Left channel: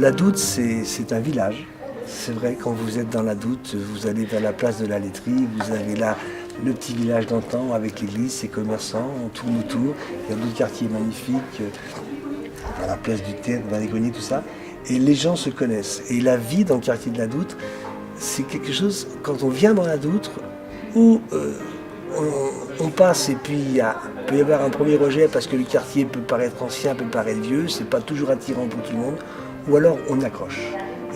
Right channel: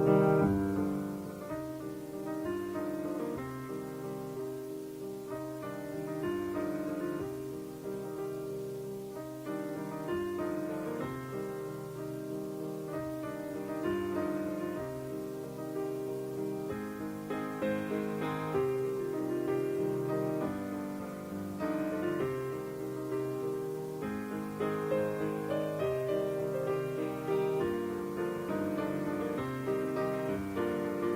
La Doute, c'est un village. C'est vrai, quand vous êtes dans la Doute, vous allez vers la place de la laiterie, vous avez là le petit village d'antan avec l'église, ses commerçants, on tourne autour. Il y a d'autres quartiers magnifiques, à la place du Théâtre, dans les greniers, tout ça. Et les gens se connaissent. Et la vie dans le quartier de la Doute, c'est quelque chose, quand on vient dans la Doute, où on passe et puis il peut y avoir un premier rejet parce que le quartier peut paraître ancien, peut paraître vieux, c'est pas toujours attirant pour tout le monde, ou alors on accroche.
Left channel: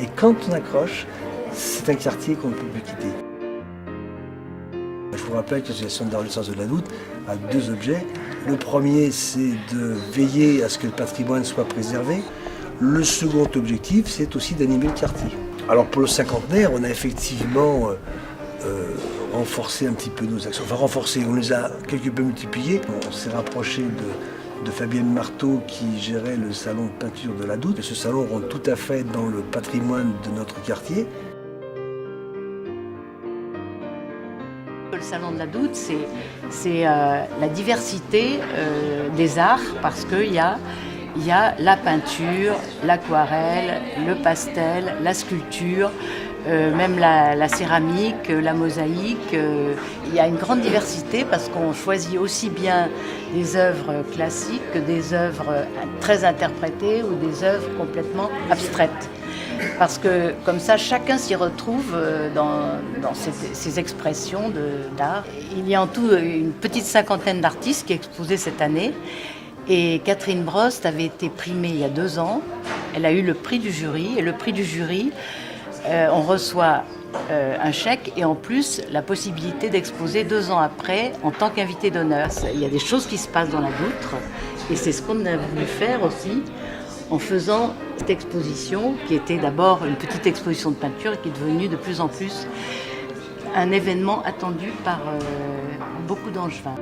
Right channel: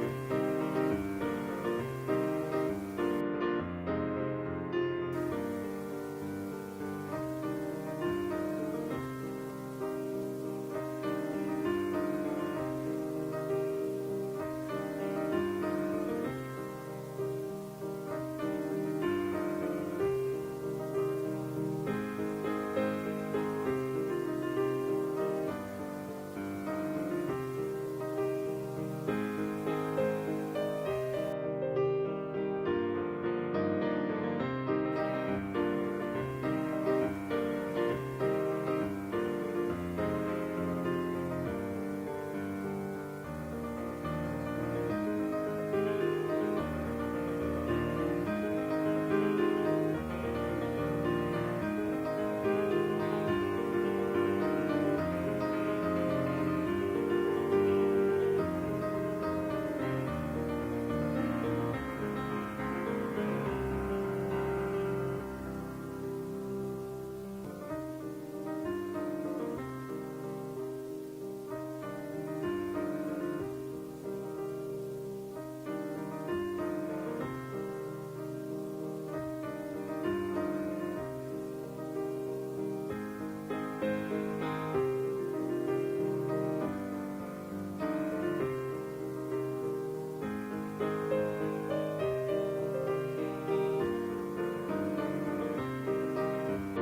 Et quand on accroche, c'est un quartier qu'on ne peut plus quitter. Je vous rappelle que l'association de renaissance de la Doute a deux objets. Le premier, c'est de veiller à ce que le patrimoine soit préservé. Le second objectif, c'est aussi d'animer le quartier. Alors pour le cinquantenaire, on a effectivement renforcer un petit peu nos actions. Enfin renforcer, on les a quelque peu multipliées. On s'est rapproché de Fabienne Marteau qui gérait le salon de peinture de la Doute. Et ce salon rentre tout à fait dans le patrimoine de notre quartier. Le salon de la Doute, c'est la diversité des arts parce qu'il y a la peinture, l'aquarelle, le pastel, la sculpture, même la céramique, la mosaïque. Il y a une grande diversité parce qu'on choisit aussi bien des œuvres classiques que des œuvres très interprétées ou des œuvres complètement abstraites. Parce que comme ça, chacun s'y retrouve dans ces expressions d'art. Il y a en tout une petite cinquantaine d'artistes qui exposaient cette année. Et Catherine Brost avait été primée il y a 2 ans. Elle a eu le prix du jury. Et le prix du jury, on reçoit un chèque et en plus la possibilité d'exposer 2 ans après en tant qu'invité d'honneur. Il y a des choses qui se passent dans la Doutre et c'est ce qu'on a voulu faire aussi en faisant cette exposition qui était d'abord une petite exposition de peinture et qui est devenue de plus en plus un événement attendu par beaucoup d'Angevins.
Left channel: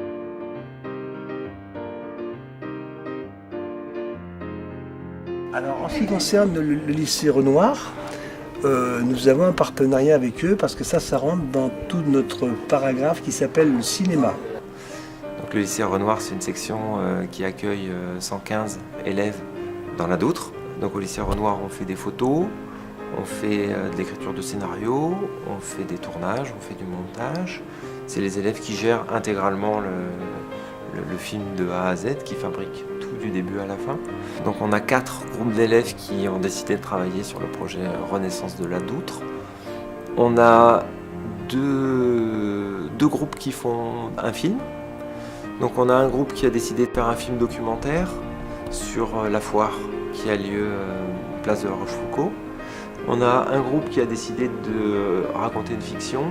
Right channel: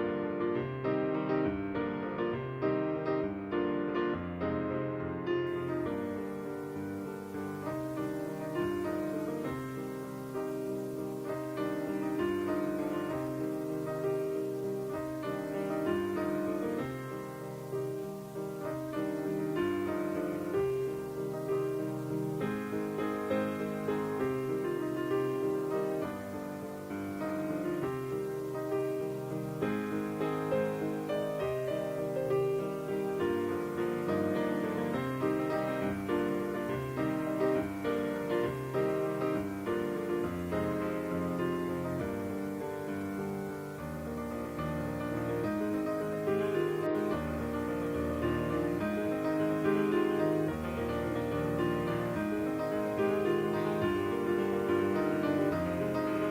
Alors en ce qui concerne le lycée Renoir, nous avons un partenariat avec eux parce que ça rentre dans tout notre paragraphe qui s'appelle le cinéma. Donc, le lycée Renoir, c'est une section qui accueille 115 élèves dans la Doutre. Donc au lycée Renoir, on fait des photos, on fait de l'écriture de scénario, on fait des tournages, on fait du montage. C'est les élèves qui gèrent intégralement le film de A à Z, qui fabriquent tout du début à la fin. Donc on a 4 groupes d'élèves qui ont décidé de travailler sur le projet Renaissance de la Doutre. On a deux groupes qui font un film. Donc on a un groupe qui a décidé de faire un film documentaire sur la foire qui a lieu place de la Rochefoucauld. On a un groupe qui a décidé de raconter une fiction.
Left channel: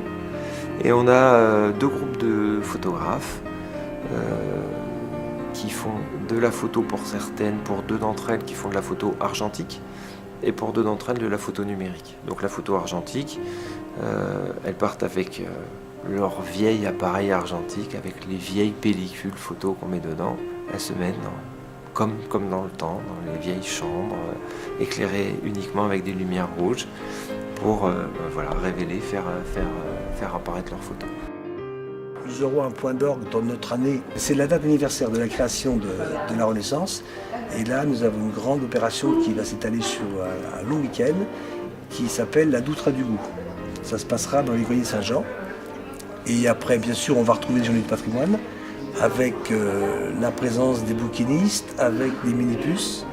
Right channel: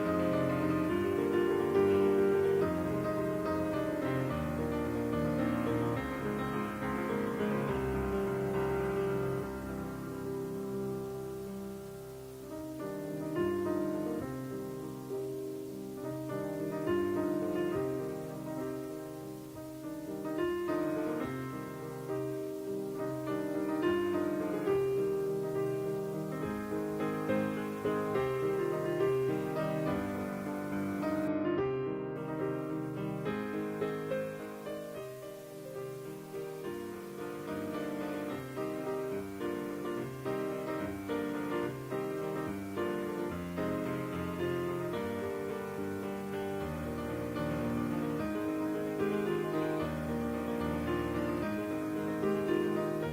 Et on a 2 groupes de photographes qui font de la photo pour certaines, pour 2 d'entre elles qui font de la photo argentique et pour 2 d'entre elles de la photo numérique. Donc la photo argentique, elles partent avec leur vieil appareil argentique, avec les vieilles pellicules photo qu'on met dedans. Elles se mettent comme dans le temps, dans les vieilles chambres, éclairées uniquement avec des lumières rouges pour révéler, faire apparaître leurs photos. Nous aurons un point d'orgue dans notre année. C'est la date anniversaire de la création de la Renaissance. Et là, nous avons une grande opération qui va s'étaler sur un long week-end qui s'appelle la Doutre a du goût. Ça se passera dans les greniers Saint-Jean. Et après, bien sûr, on va retrouver les journées du patrimoine avec la présence des bouquinistes, avec des minibus.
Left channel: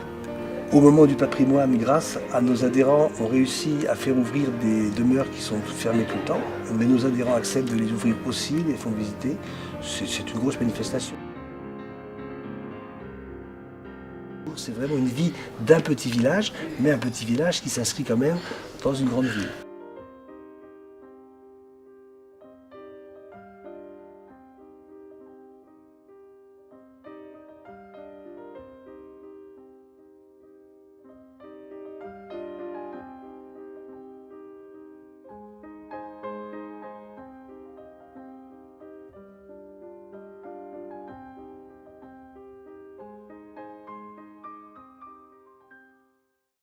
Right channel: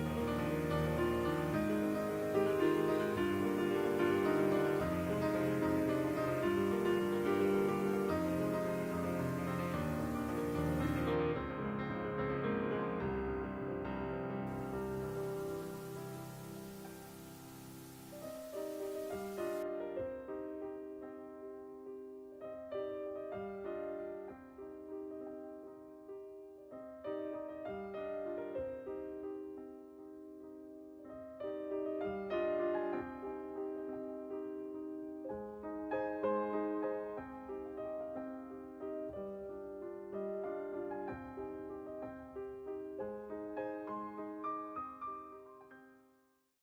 Au moment du patrimoine, grâce à nos adhérents, on réussit à faire ouvrir des demeures qui sont fermées tout le temps. Mais nos adhérents acceptent de les ouvrir aussi, les font visiter. C'est une grosse manifestation. C'est vraiment une vie d'un petit village, mais un petit village qui s'inscrit quand même dans une grande ville.